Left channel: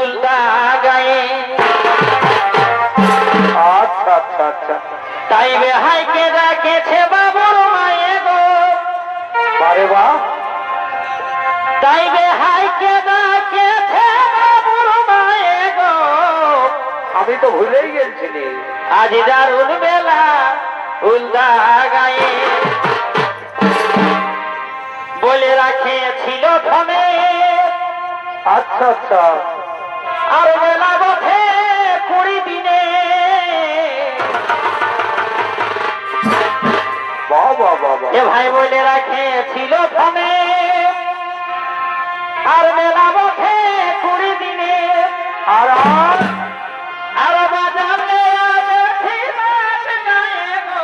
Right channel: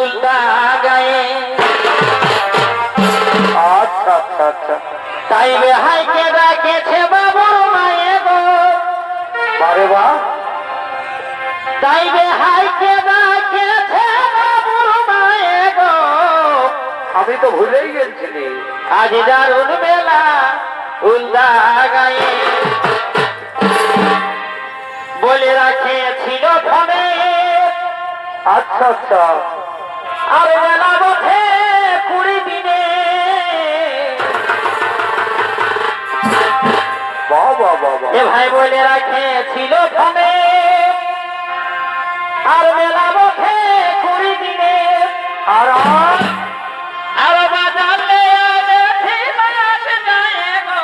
উল্টা গায়ে আচ্ছা আচ্ছা আচ্ছা তাই রেহাইকে রাখেছে বাবুর মায়ে গো আরে বাহ তাই রেহাইকে রাখেছে বাবুর মায়ে গো আমি তো ভুলেই গেছিলি আজ দারুণ মেলা উল্টা গায়ে বলে রাখেছিল ফোনে আচ্ছা আচ্ছা আর মেলা বসে 20 দিনে বাবা বাবা এ ভাই বলে রাখেছিল ফোনে আর মেলা বসে 20 দিনে আর আর বাজালে দেখি মাছ যায় গো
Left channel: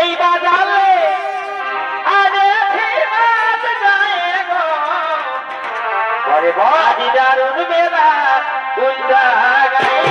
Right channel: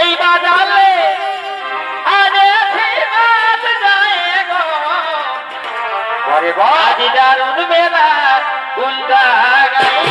এই বাজালে দেখি মাছ যায় গো আরে বাহ আজ দারুণ মেলা উল্টা গায়ে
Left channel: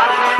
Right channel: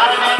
Para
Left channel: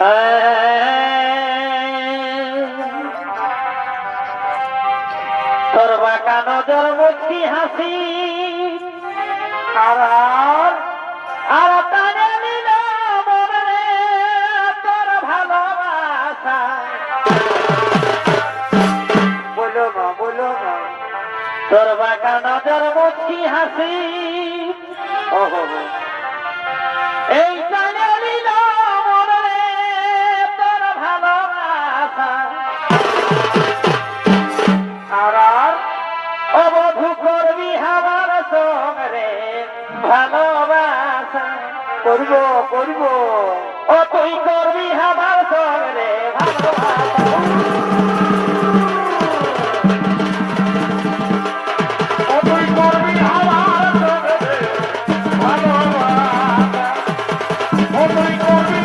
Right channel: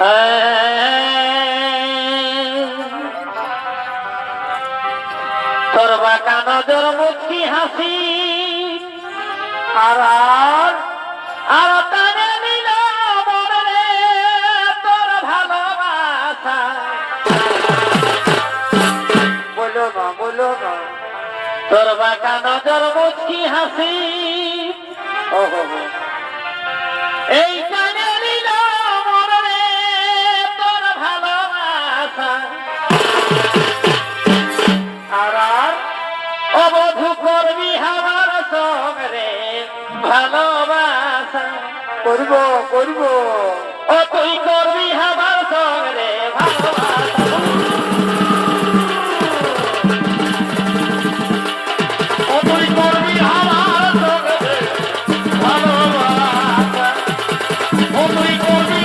তোর বাঁকা নজর মুখি হাসি আর আর টানে নিল মনে তোর ভালোবাসা। বলো না তোর বাঁকা নজর মুখি হাসি ওহো এই টানে নিল মনে তোর ভালোবাসা। আর অবধু করবি আমার সঙ্গে ভালোবাসা। করবো ও তুই করবি আমার সঙ্গে ভালোবাসা। ও তুই করবি আমার সঙ্গে ভালোবাসা। ও তুই করবি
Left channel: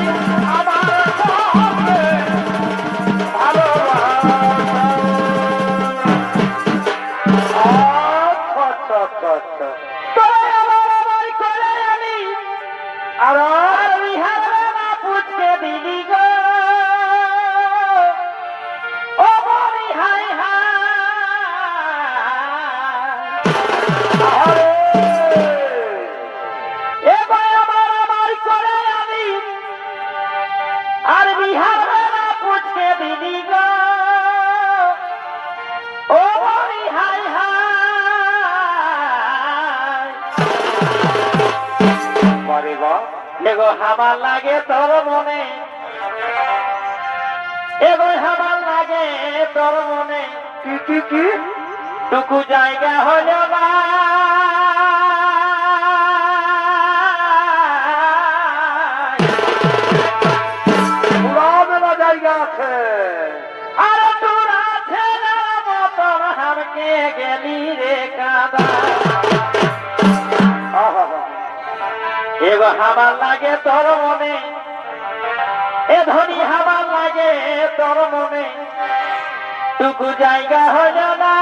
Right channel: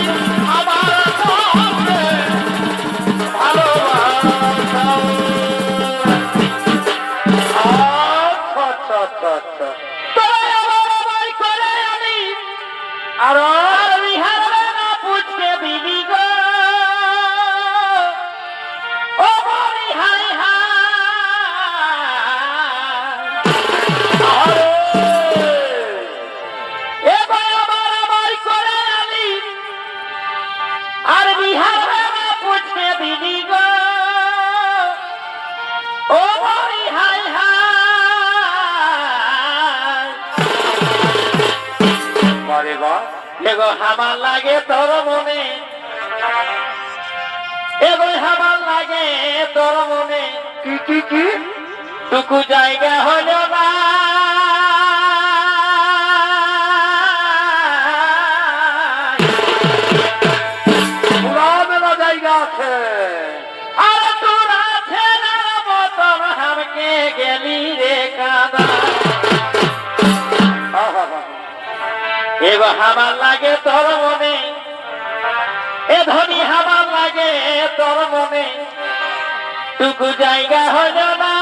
আমার সঙ্গে ভালোবাসা। আচ্ছা তোরা আমার আমায় করে আমি আর আর বিহারে না পুছকে দিবি গো। ও মরি হায় হায় এবার আমার আমায় করে আমি আর বিহারে না পুছকে দিবি গো। ও মরি হায় হায় বারে বা এগো হামার লাগে তোর মনে এগো হামার লাগে তোর মনে কি টুকু জায়গা হইল না। পুরা মেলা জায়গা আছে আর তোর আছে না মতন হামকে গেলি রে কাদা। এগো হামার লাগে তোর মনে এ ধনী হামার লাগে তোর মনে টুকু জায়গা হইল না।